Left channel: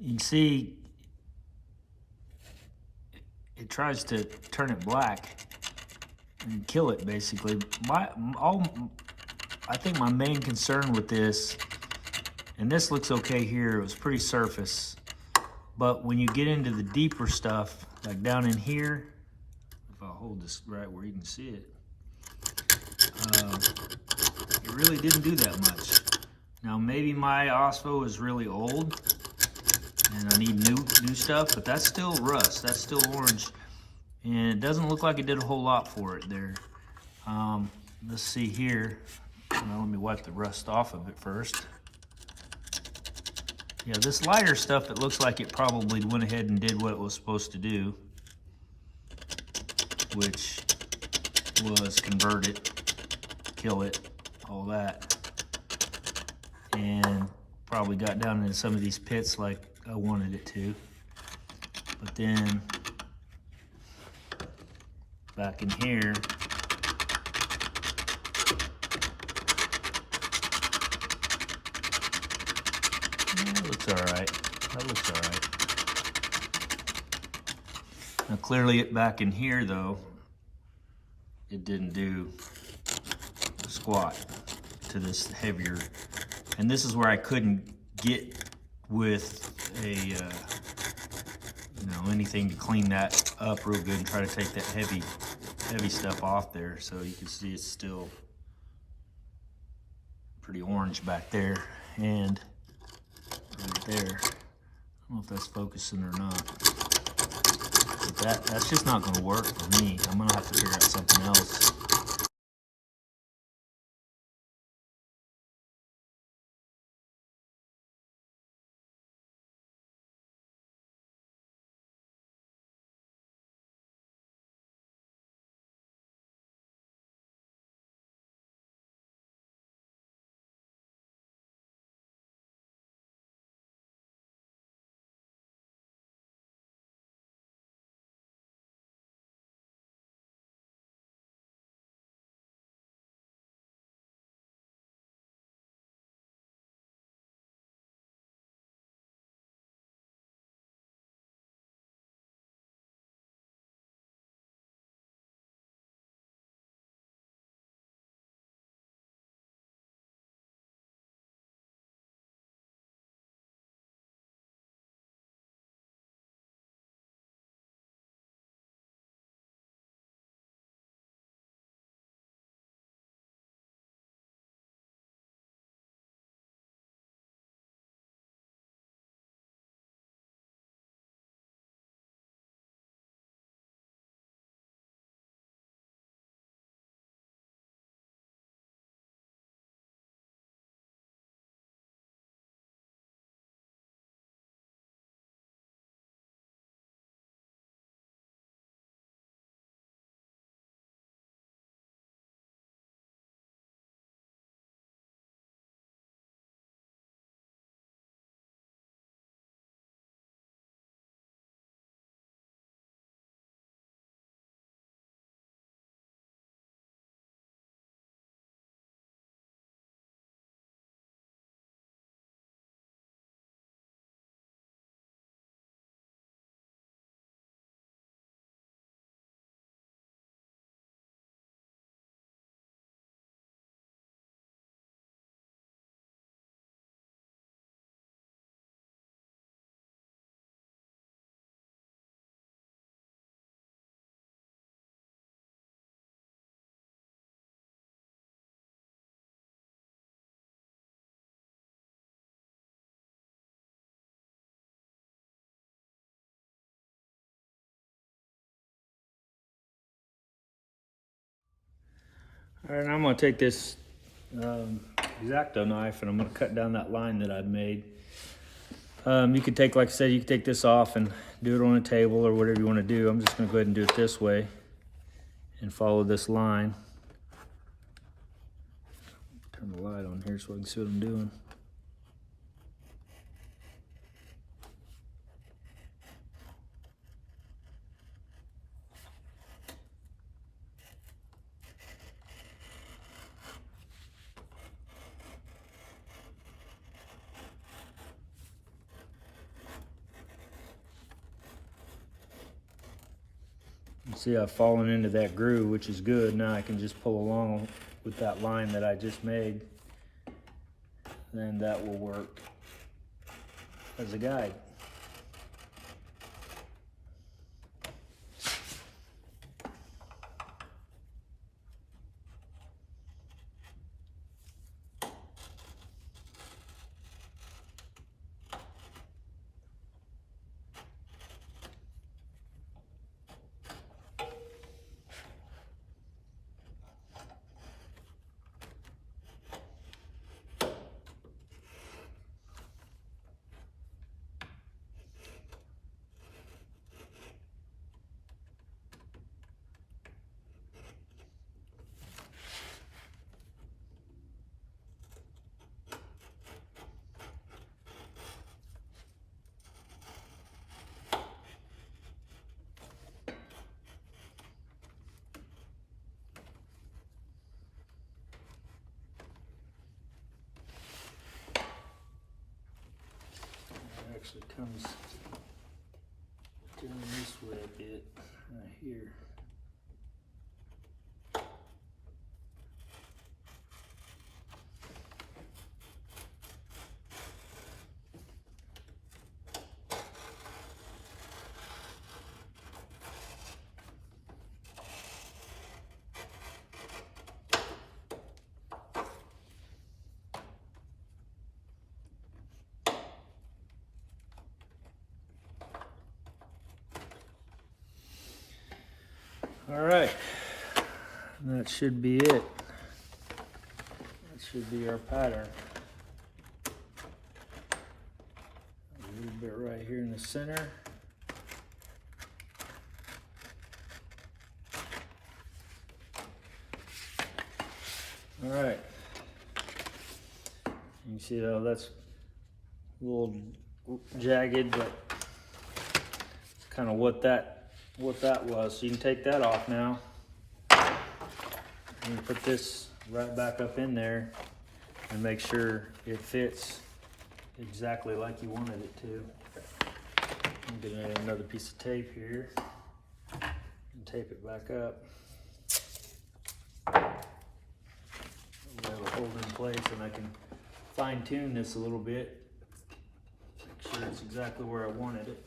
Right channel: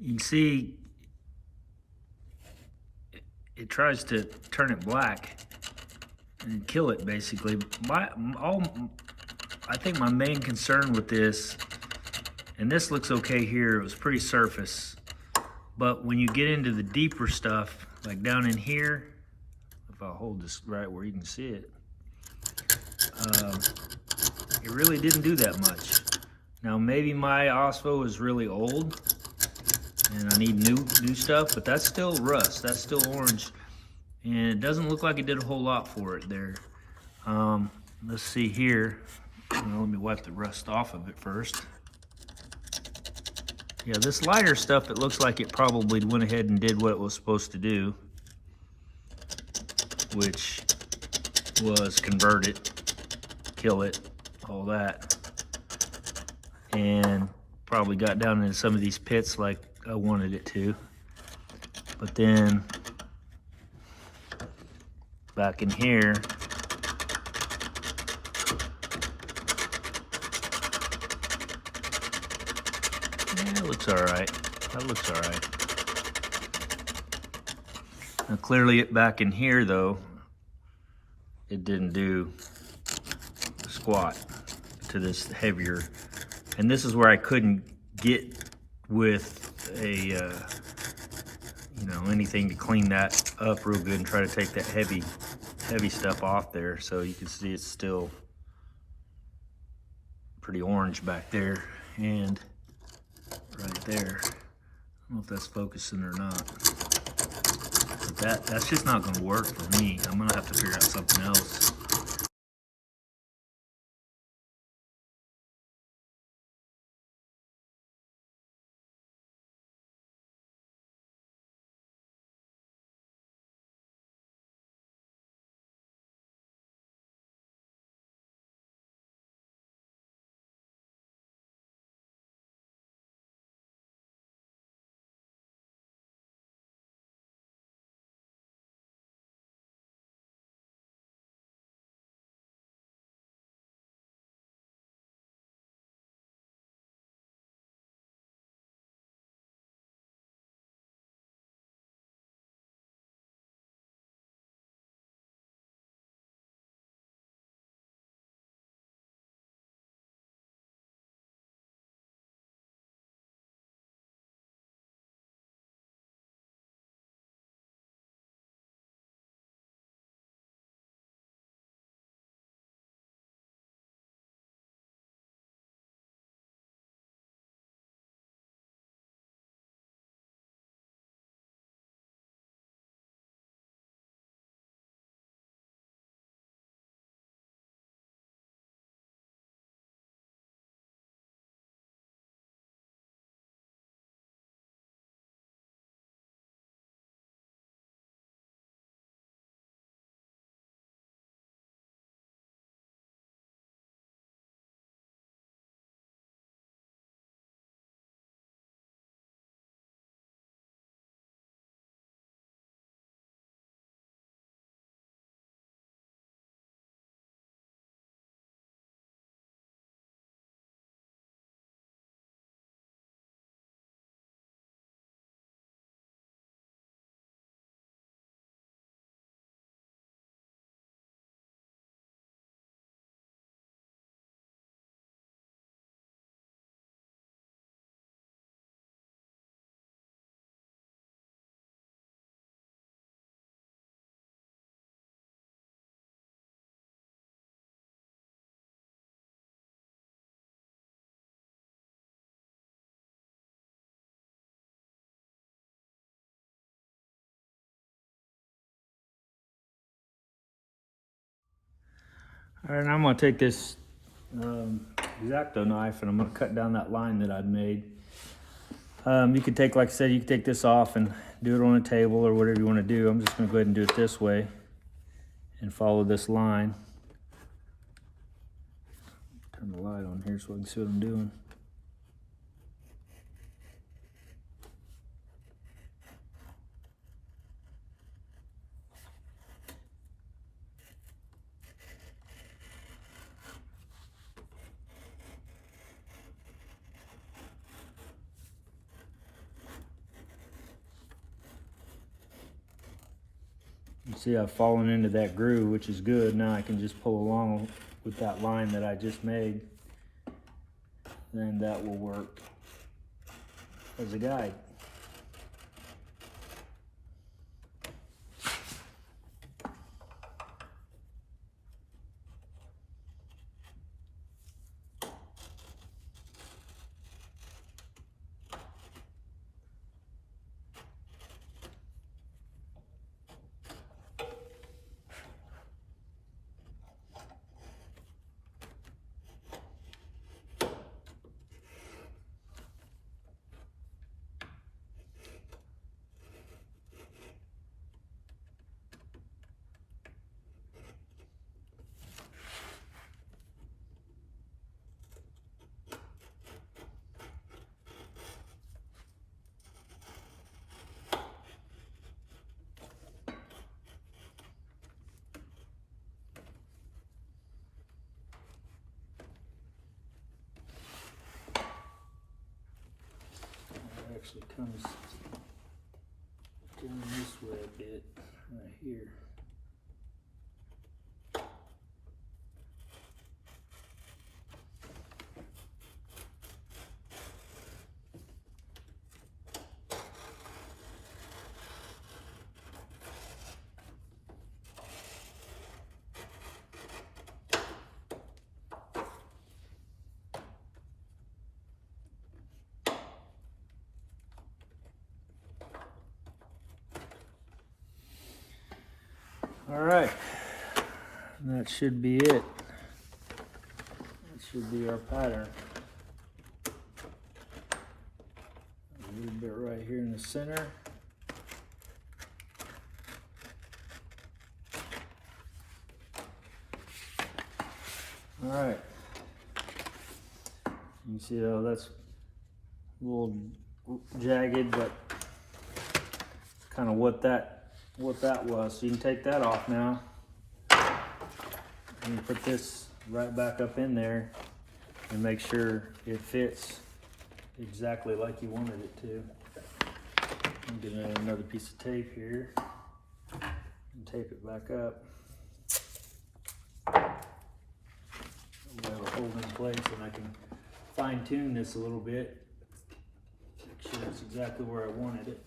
You can see it tries to turn it black and kill it basically. I think my main concern with this, and this looks okay here, it was pretty surface, but when you get into the deeper stuff, like down in here, if I hold this right where you can see it, it really didn't do that much. Now maybe my OSPO is really old and I need new stuff, but that's still rust, that's still orange, and it doesn't look like it did a whole lot for it there. Let's see here. Well, let me wipe the rust off of it first. Yeah, this lighter stuff, it looks like it probably went ahead and did what it was supposed to do, which was convert it, kill it, all that, and probably got down into some of these pits like I wanted it to. But then back in here, yeah, it looks all right. That looks all right. Now clearly back in here though, it didn't do squat to this heavier, and this is where I couldn't get with a anything to clean that up real good and try to take that heavy stuff off there. So you can see it's still pretty orange back there and right there. I don't know if that's focusing or not, but that's just not going to work for me. I'm going to have to figure out something else. All right, I'm going to take this X-Acto knife and I'm going to cut down that line that I've made. You could take, like I said, you could take this off and do it on a table or whatever you want to do. I'm just going to go ahead and do it this way and follow this line. Turn the light on here so I can see what I'm doing. See, I've fallen into that groove, which is good. Now I can just pull along with that line that I just made. Then that will work as a guide. Actually comes down this way a bit right here. All right, that should be it. That should be our pattern. A little bit right here in the center. All right. You can see though that's a little jagged, but kind of what that was. So you can take that off now and put this right back up in there and make sure it fits exactly like you wanted it to. I'm gonna add another piece of tape here and tape it back up. That'll hold in place, and I can fine tune this a little bit, make sure it's exactly where I wanted it.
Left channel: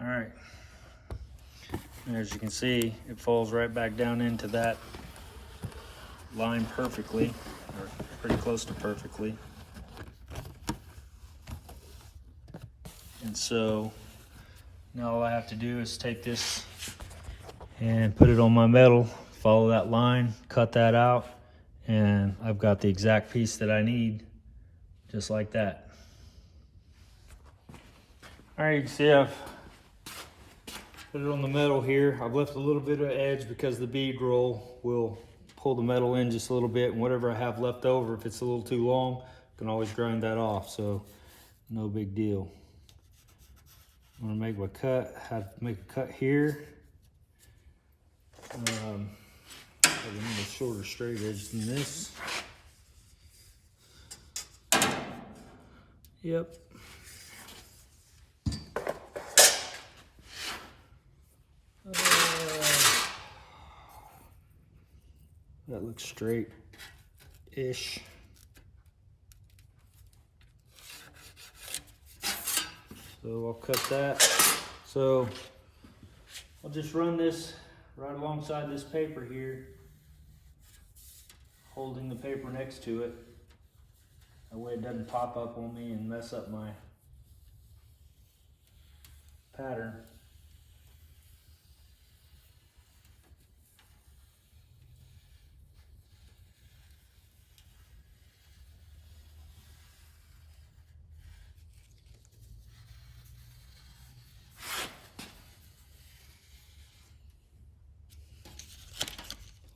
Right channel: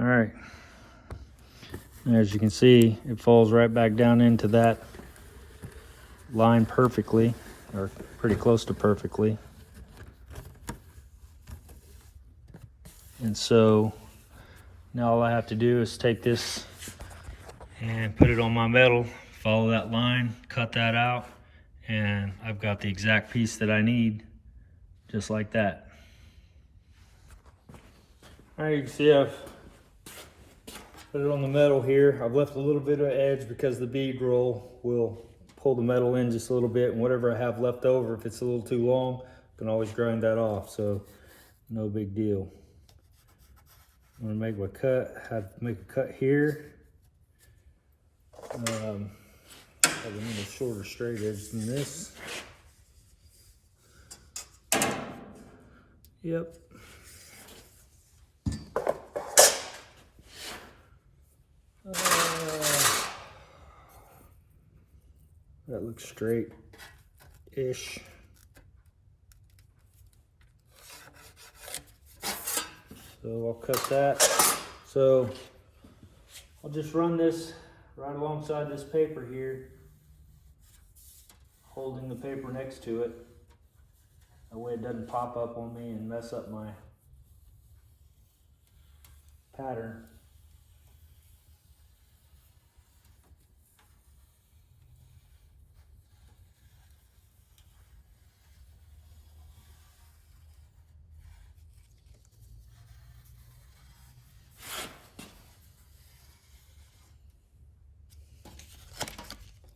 All right, and as you can see, it falls right back down into that line perfectly, or pretty close to perfectly. And so now all I have to do is take this and put it on my metal, follow that line, cut that out, and I've got the exact piece that I need, just like that. All right, you can see I've put it on the metal here. I've left a little bit of edge because the bead roll will pull the metal in just a little bit, and whatever I have left over, if it's a little too long, I can always grind that off, so no big deal. I'm gonna make my cut, make a cut here. Have a little shorter straight edge than this. Yep. That looks straight-ish. So I'll cut that. So I'll just run this right alongside this paper here, holding the paper next to it. That way it doesn't pop up on me and mess up my pattern.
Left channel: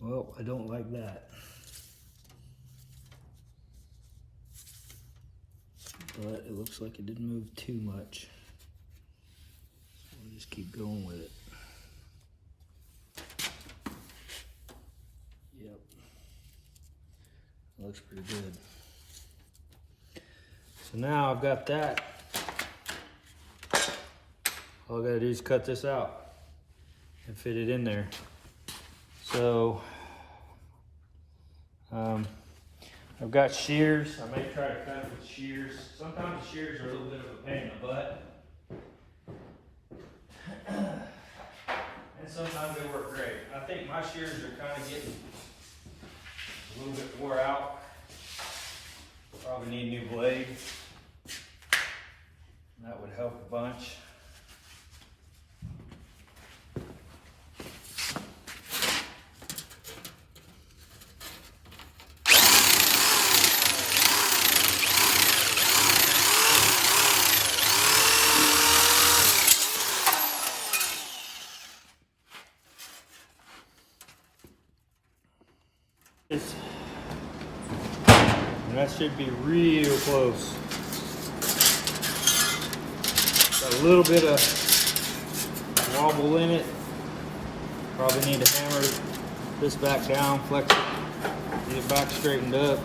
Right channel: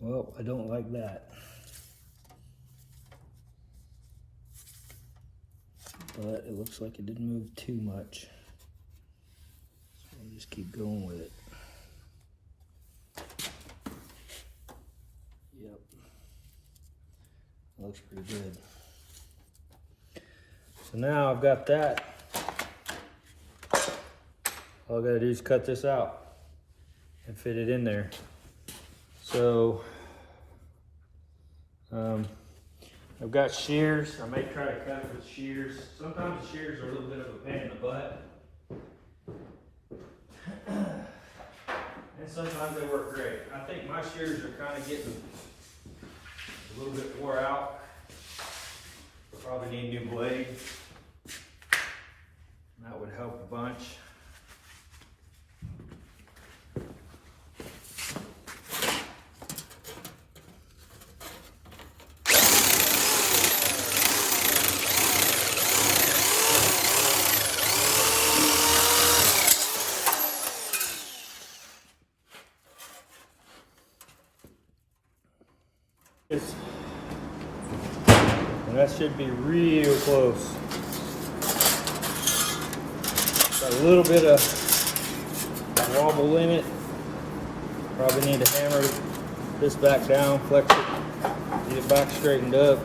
Well, I don't like that. But it looks like it didn't move too much. So we'll just keep going with it. Yep. Looks pretty good. So now I've got that. All I gotta do is cut this out and fit it in there. So, I've got shears. I may try to cut it with shears. Sometimes the shears are a little bit of a pain in the butt. And sometimes they work great. I think my shears are kind of getting a little bit wore out. Probably need a new blade. That would help a bunch. And that should be real close. Got a little bit of wobble in it. Probably need to hammer this back down, flex it, get it back straightened up.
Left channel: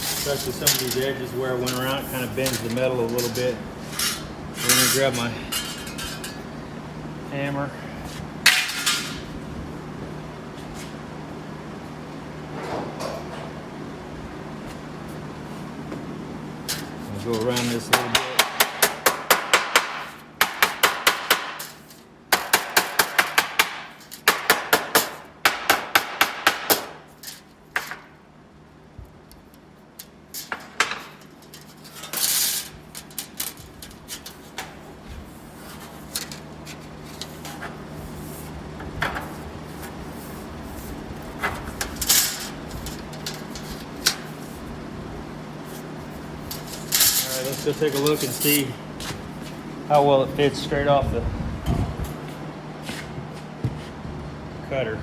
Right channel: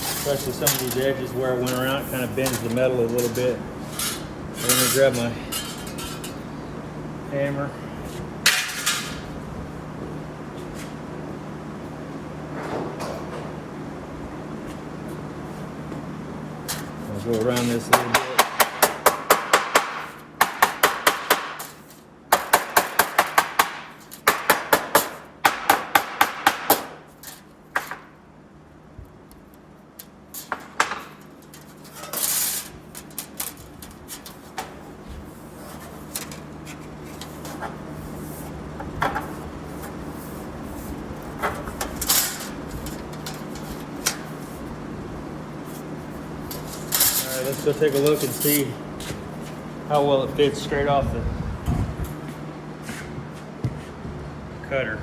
Especially some of these edges where I went around, it kind of bends the metal a little bit. Let me grab my hammer. I'll go around this a little bit. Let's go take a look and see how well it fits straight off the cutter.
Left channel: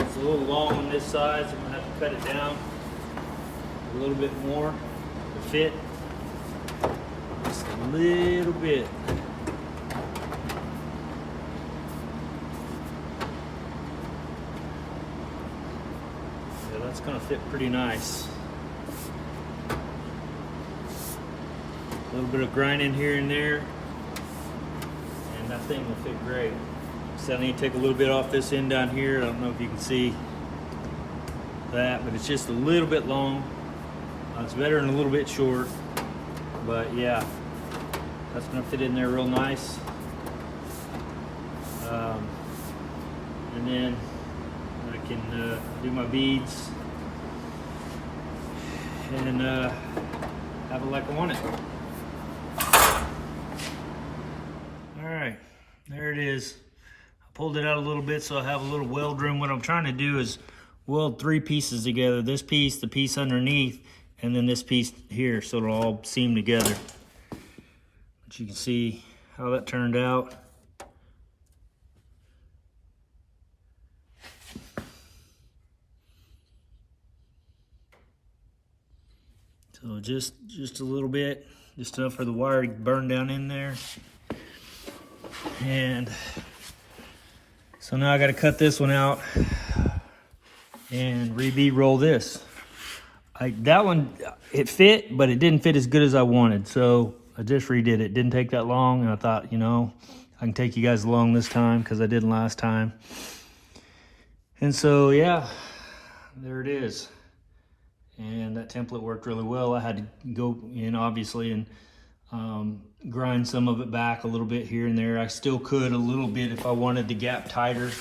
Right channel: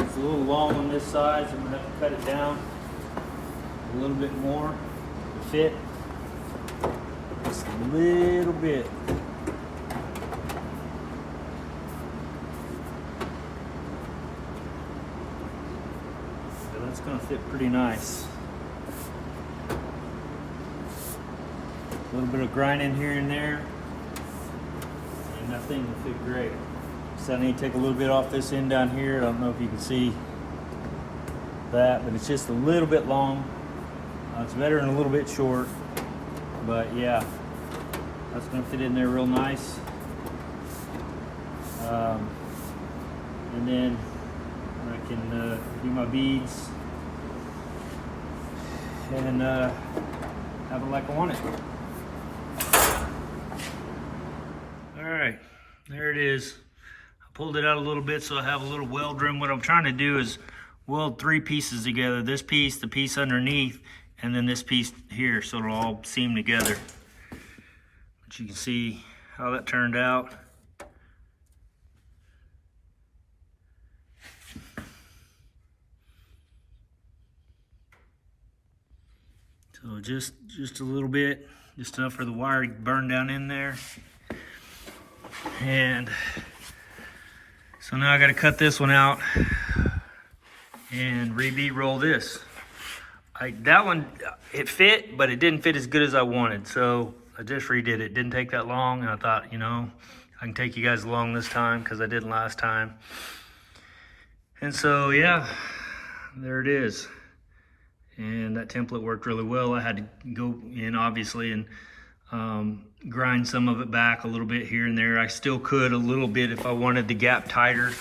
It's a little long on this side, so I'm going to have to cut it down a little bit more to fit. Just a little bit. So that's going to fit pretty nice. A little bit of grinding here and there, and that thing will fit great. So I need to take a little bit off this end down here. I don't know if you can see that, but it's just a little bit long. It's better than a little bit short, but yeah, that's gonna fit in there real nice. And then I can do my beads and have it like I want it. All right, there it is. Pulled it out a little bit so I have a little weld room. What I'm trying to do is weld three pieces together. This piece, the piece underneath, and then this piece here, so it'll all seam together. But you can see how that turned out. So just a little bit, just enough for the wire to burn down in there. And so now I got to cut this one out and re-bead roll this. That one, it fit, but it didn't fit as good as I wanted. So I just redid it. Didn't take that long, and I thought, you know, I can take you guys along this time because I didn't last time. And so, yeah, there it is. And that template worked really well. I had to go in, obviously, and grind some of it back a little bit here and there. I still could a little bit if I wanted the gap tighter.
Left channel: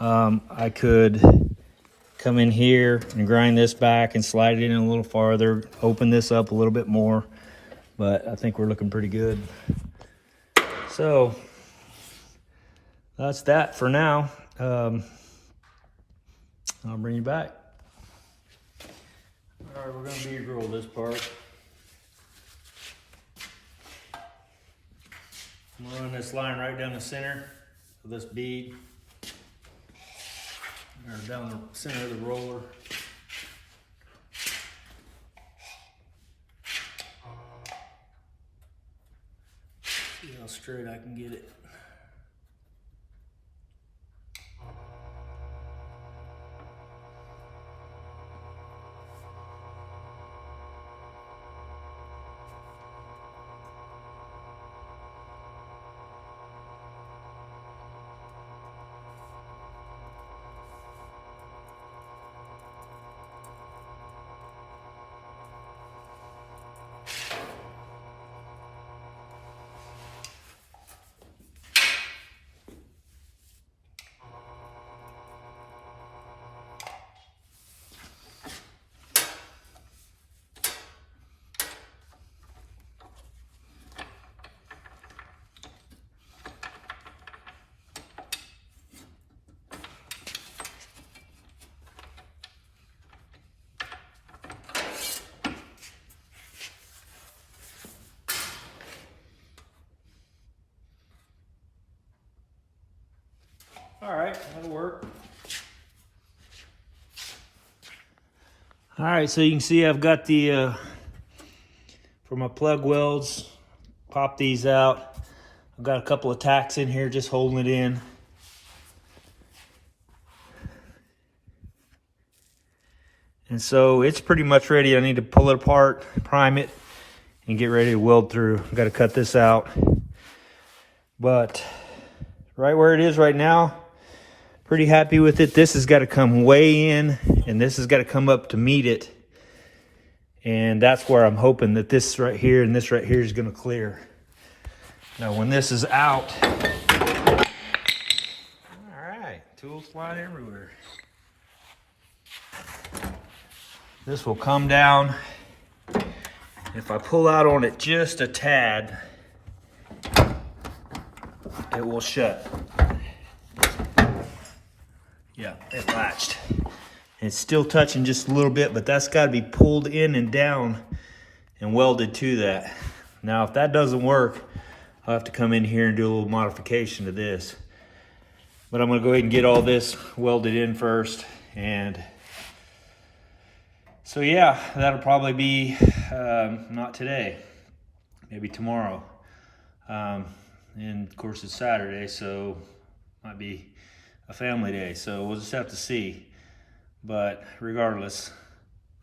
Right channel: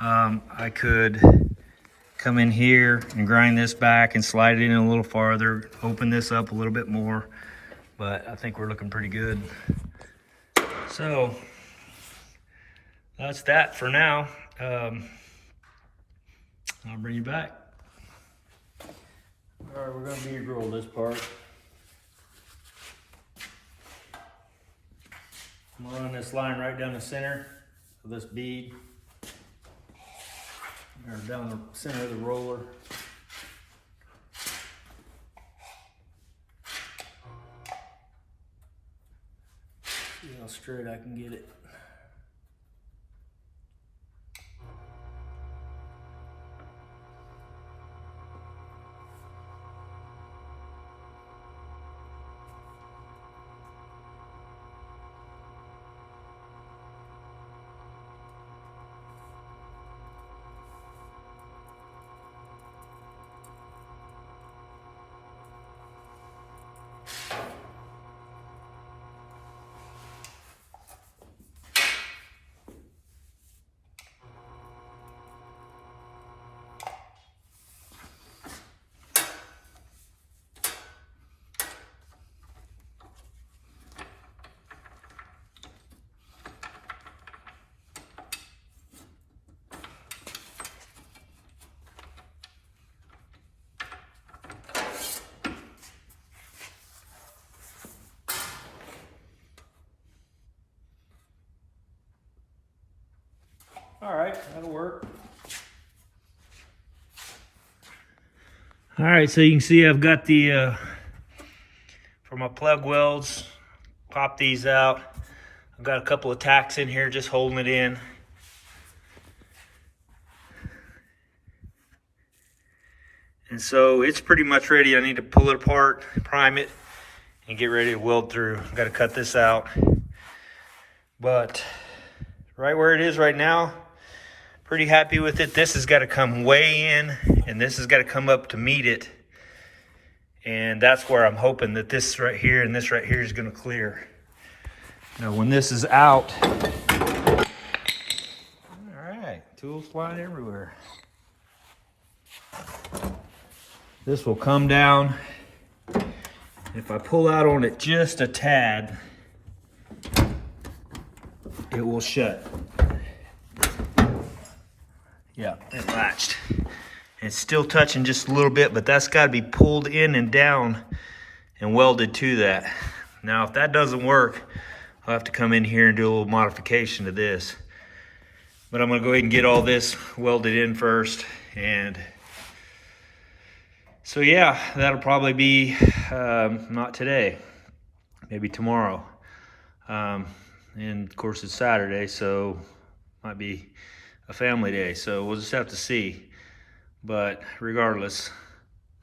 I could come in here and grind this back and slide it in a little farther, open this up a little bit more. But I think we're looking pretty good. So that's that for now. I'll bring you back. All right, we're gonna bead roll this part. I'm gonna run this line right down the center of this bead, or down the center of the roller. See how straight I can get it. All right, that'll work. All right, so you can see I've got the, for my plug welds, pop these out. I've got a couple of tacks in here just holding it in. And so it's pretty much ready. I need to pull it apart, prime it, and get ready to weld through. I've got to cut this out. But right where it is right now, pretty happy with it. This has got to come way in, and this has got to come up to meet it. And that's where I'm hoping that this right here and this right here is going to clear. Now when this is out, all right, tools flying everywhere. This will come down. If I pull out on it just a tad, it will shut. Yeah, it latched. It's still touching just a little bit, but that's got to be pulled in and down and welded to that. Now, if that doesn't work, I'll have to come in here and do a little modification to this. But I'm going to go ahead and get all this welded in first. And so, yeah, that'll probably be not today, maybe tomorrow. And of course, it's Saturday, so might be a family day, so we'll just have to see. But regardless,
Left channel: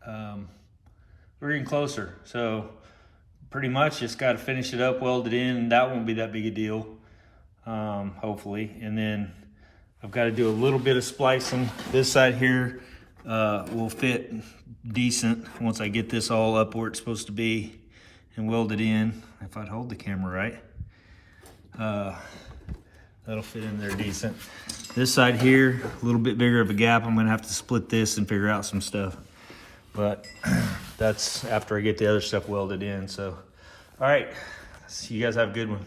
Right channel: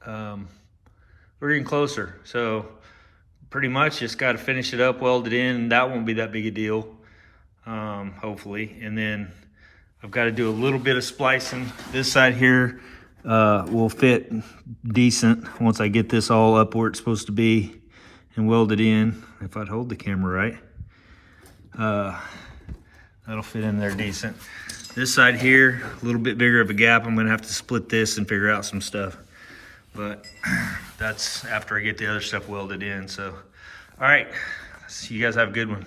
we're getting closer. So pretty much just got to finish it up, weld it in. That won't be that big a deal, hopefully. And then I've got to do a little bit of splicing. This side here will fit decent once I get this all up where it's supposed to be and weld it in. If I'd hold the camera right, that'll fit in there decent. This side here, a little bit bigger of a gap. I'm gonna have to split this and figure out some stuff. But that's after I get the other stuff welded in. So, all right, so you guys have a good one.